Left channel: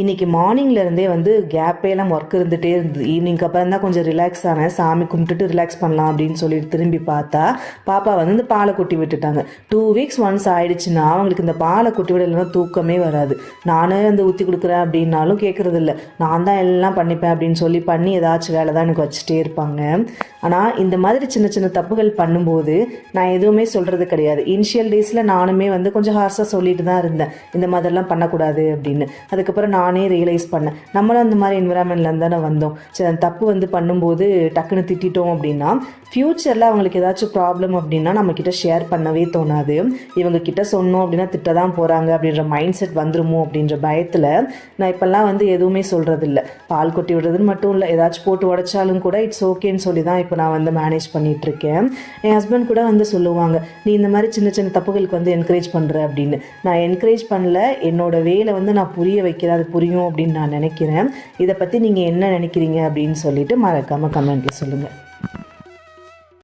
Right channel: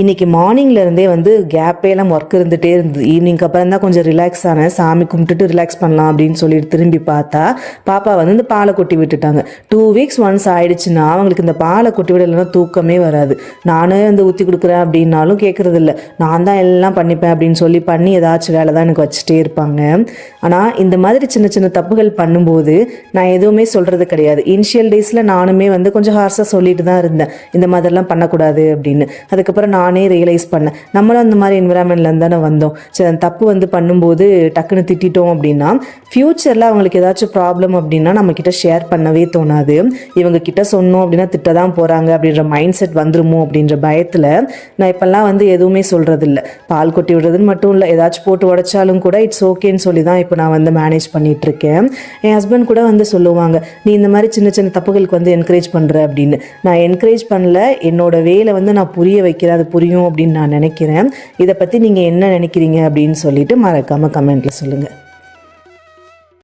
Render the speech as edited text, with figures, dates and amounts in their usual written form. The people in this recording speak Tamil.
இன்றைக்கி மார்னிங்லேருந்தே வந்து கேப்பேலாம் ஒர்க் இருந்துகிட்டே இருந்தது. ஈவினிங்க்கு அப்புறம் தான் கொஞ்சம் ரிலாக்ஸ் ஆனேன். சாமி கும்பிட்டுட்டு ரிலாக்ஸ் பண்ணலாம் அப்படின்னு சொல்லிட்டு திரும்பி பார்த்தா பாப்பா வந்து இந்த பாலை கொட்டி விட்டுட்டாங்க. 2 வீக்ஸ் ஒன்ஸ் ஆயிடுச்சுன்னா அவங்களுக்கு இந்த பாலை கொட்டி விடலைன்னா தூக்கமே வராது. நானே வந்து ஊற்றி கொடுக்குறேன் அப்படின்னாலும் கேட்குறது இல்லை. நான் தான் எல்லாம் பண்ணிப்பேன் அப்படின்னு சொல்லி பண்ணி ஏதாச்சும் வேலை தான் எனக்கு வச்சுட்டே இருப்பாங்க. ஆனால் இந்த மாதிரி சின்ன சின்ன தப்புகள் பண்ணும்போது நான் எதுவுமே சொல்கிறது கிடையாது. இனிஷியல் டேஸில் நானுமே வந்து கொஞ்சம் ஹார்ஸாக சொல்லிட்டு தான் இருந்தேன், இந்த மாதிரிலாம் பண்ணக்கூடாது அப்படின்னு. அதுக்கப்புறம் நானே ரியலைஸ் பண்ணேன், நம்மளும் அந்த மாதிரி என்விரான்மெண்ட்லேருந்து தானே வந்தோம். சரி, அந்த தப்பு வந்து பண்ணும்போது டக்குன்னு திட்டிட்டோம் அப்படின்னா ஃப்யூச்சரில் அவங்களுக்கு ஏதாச்சும் ப்ராப்ளம் அப்படின்னா நம்மக்கிட்ட ஷேர் பண்ணவே தோணாது. இவங்க கிட்ட சொன்னோம் அப்படின்னா திட்ட தான் போகிறாங்க அப்படின்ற மைண்ட் செட் வந்துருமோ அப்படின்ற பயத்தில் நான் இப்போல்லாம் வந்து எதுவுமே சொல்கிறதில்ல. பால் கொட்டி விடுறதுன்னு மட்டும் இல்லை, ஏதாச்சும் போட்டு உடைச்சாலும் கூட இட்ஸ் ஓகேன்னு சொல்லி தான் இப்போ நான் வந்து மேனேஜ் பண்ணிகிட்ருக்கேன். என் ஹஸ்பண்ட் கூட வந்து சொல்லுவாங்க, நீ இந்த மாதிரி சின்ன சின்ன தப்புகளுக்கு வந்து என்கரேஜ் பண்ணுற அப்படின்னு. நான் என்கரேஜ் பண்ணல, என்னோட வேலை வந்து நான் புரிய வைக்கிறேன், அது புரியும் அப்படின்னு நான் நினைக்கிறேன். இதை பற்றி நீங்கள் என்ன நினைக்கிறீங்க அப்படின்னு சொல்லிட்டு மறக்காமல் கமெண்ட்டில் சொல்லுங்கள்.